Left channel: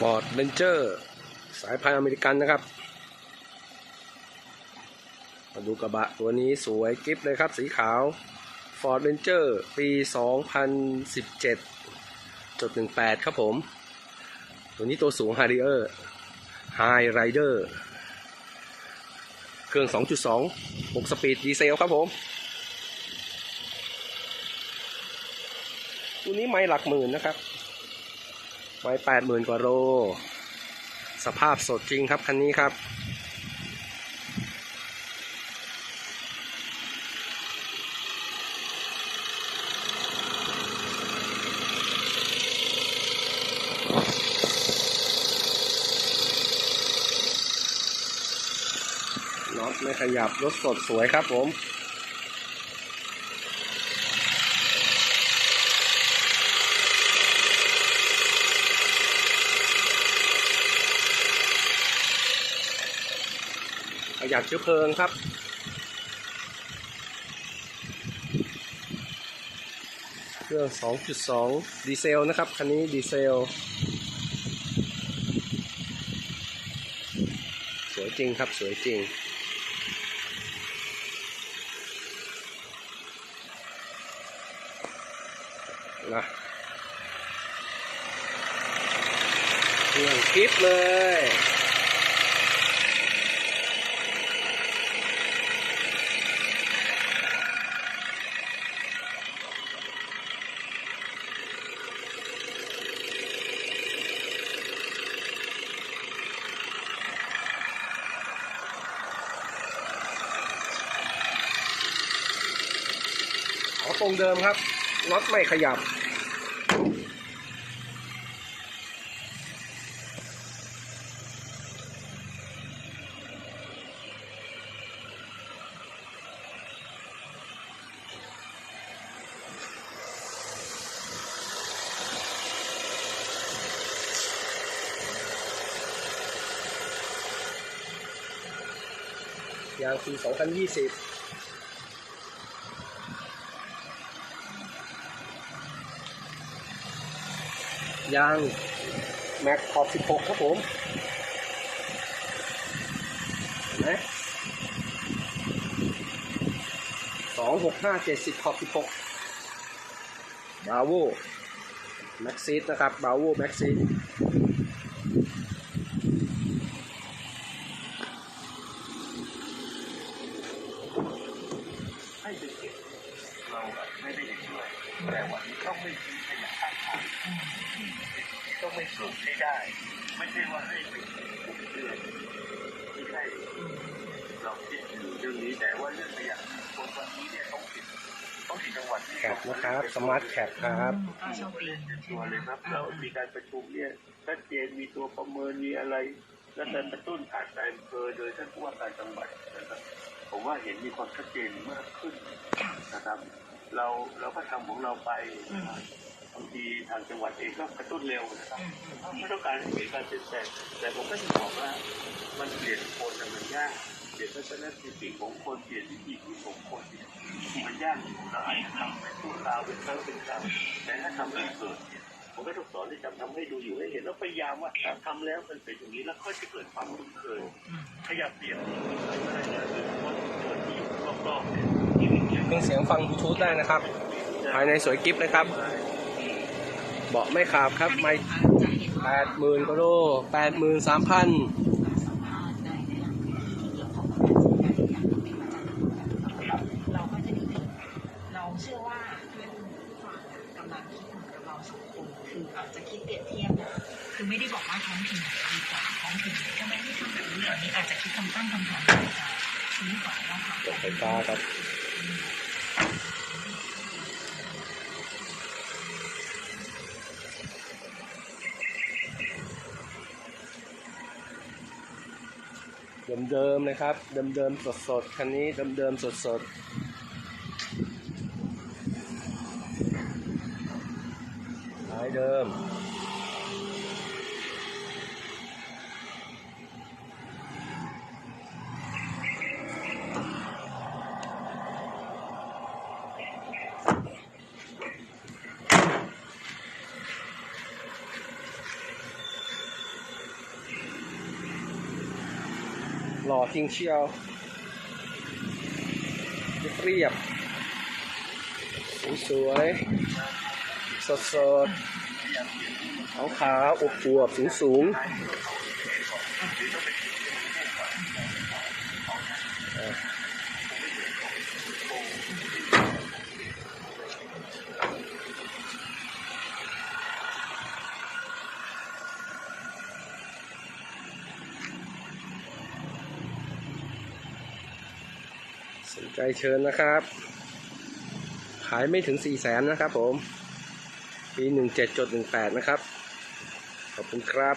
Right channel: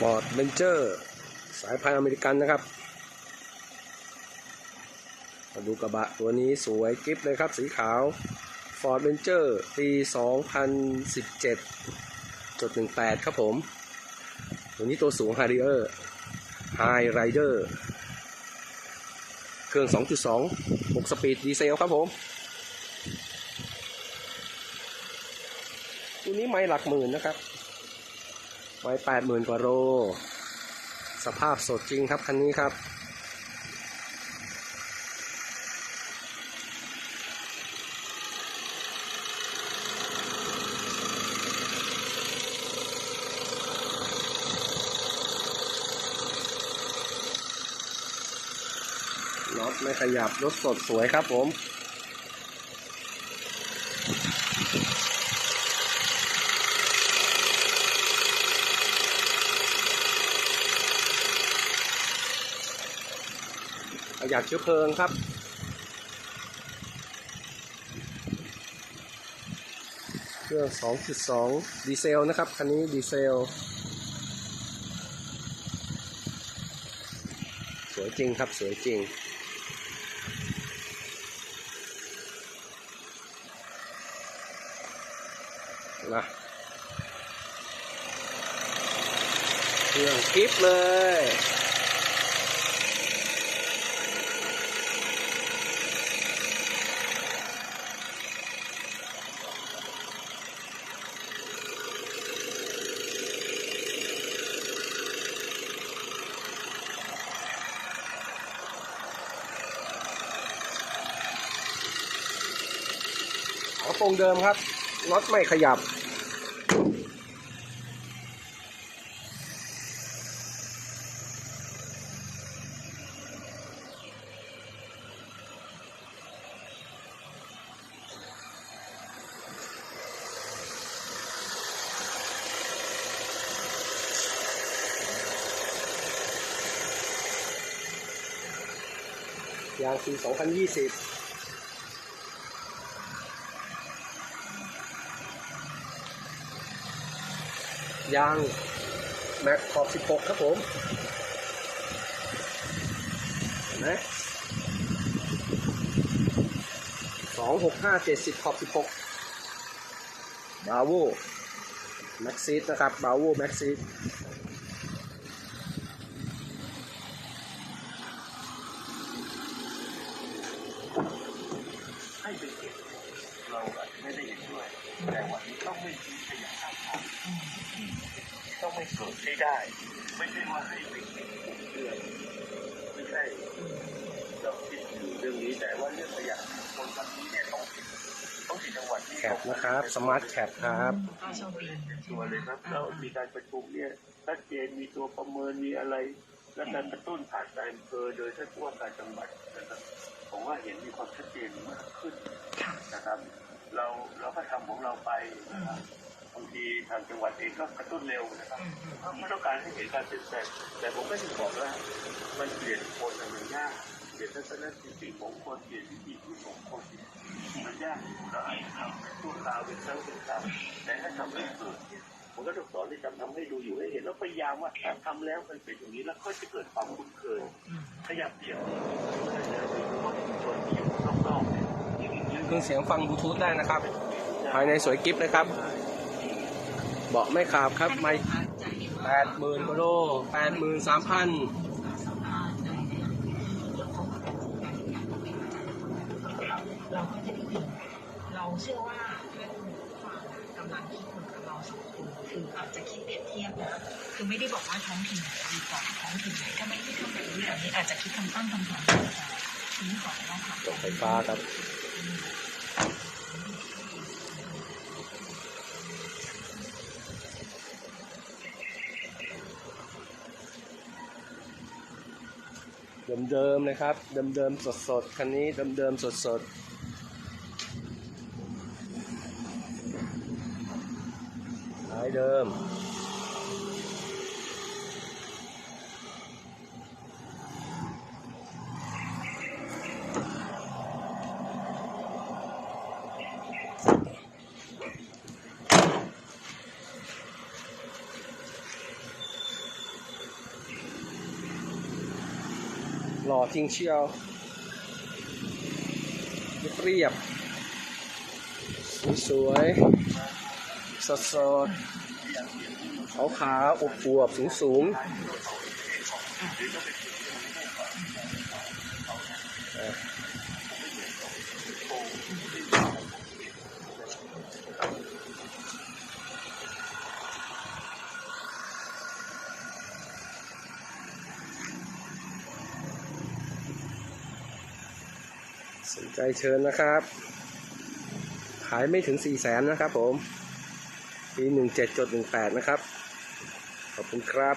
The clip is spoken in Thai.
Ford Ranger สายพันธุ์อเมริกันนะครับ มาดูกระบะตัวนี้สวยกริฟเลยครับ สีขาว Ford Ranger ปี 2017จุด18 ครับผม ตัวนี้ตัวสูง Harrier High Rider เครื่อง 2.2 6 สปีดดีเซลครับผม ตัวนี้ไม่หลักหมื่นนะครับ ไม่แปดหมื่นกว่าโล สภาพสดจริงครับคันนี้ครับน็อตไม่ขยับรถสดสวยครับผม ประหยัดเชื้อเพลิงครับ เครื่อง 2.2 ดีเซลนะครับ คันนี้ดีเซล สวยจริงครับ สวยจริงนะเครื่องคลิปเลย ขอตรงเดิมครับน็อตไม่ขยับ ยางปี2020 ยางแม็กขอบ 16 ครับผมเห็นไหมสองหกห้าเจ็ดสิบขอบ16บราโวแม็กซีดนะครับบาโวแม็กซีดให้ไปเก็บ เราแบบไม่ได้เห็นด้วย แต่วันนี้ต้องไม่ทิ้งขยะข้างทางต้องไม่สูบให้ได้ ไม่ใช่ว่าให้ไปเก็บเรื่องไม่ใช่เราคิดอยู่เรื่องนี้แต่ว่าเรื่องขยะคนตอนนี้เนี่ยต้องติดต้องติดจังหวัดแคปนะครับสมาร์ทแคปครับตัวเลยครับเรามีการประชุมเนี่ยชัดเจนมีตัวประเมินมีอะไร และการกระตุ้นผ่านการอำเภอโดยท่านผู้ว่าการจังหวัดนะครับ ผมว่าเห็นมีความชัดเจนมากขึ้นนะครับ เราเราก็ทำของเราไปนะครับบางทีทางจังหวัดเองก็กระตุ้นเร็วนะครับเพราะไม่ต้องการให้เกิดการเปลี่ยนแปลงแต่ผมก็จะบอกว่ามันเปลี่ยนคนน่ะมันยากเปลี่ยนทัศนคติของคนเปลี่ยนวิธีคิดของคนมันยากเราอาจจะพูดตามเป็นครั้งเป็นคราวแต่ถ้าทำให้เกิดเนี่ยผมก็ต้องสอนที่จะทำให้ดูอยู่ให้เห็นแล้วพยายามว่าถ้าทำแล้วมันเป็นอย่างนี้แล้วเขาจะเกิดความคุ้นเคยขยับเดี่ยวขยับเดี่ยวคนคนที่อยู่รอบๆเนี่ย ชีวิตเนี่ยเครื่องเสียงฟังบลูทูธได้นะครับ ภายในสวยกิฟเลยครับ เบาะไม่ขาบครับไม่แปดหมื่นกว่าโลแปดหมื่นสามพันเราก็จะดีเราเชื่อว่าเพื่อนกำลังคิดเหมือนกับเราสองคนคือเราจะคิดเปรียบเทียบนะคือไม่ได้บอกว่าท้องถิ่นไหนดีกว่าท้องถิ่นไหนก็ไม่ได้ทำแบบนี้อันนี้อาจจะคิดคำตั้งคำถามว่าชี้ก่อนว่าค่ะรถไฟฟ้าครับ เดิมๆนะครับ เดิมๆสดๆ คันนี้เดิมๆสดๆท้ายเดิม หล่อจริงเชียวเรียบสวยสดสดขาวขาวๆอวบสูงสูงอ่า สนใจเชิญนะครับ ขายไม่ถึงสี่แสนนะครับผม ปีหนึ่งเจ็ดจดหนึ่งแปดนะครับ ขอบคุณครับ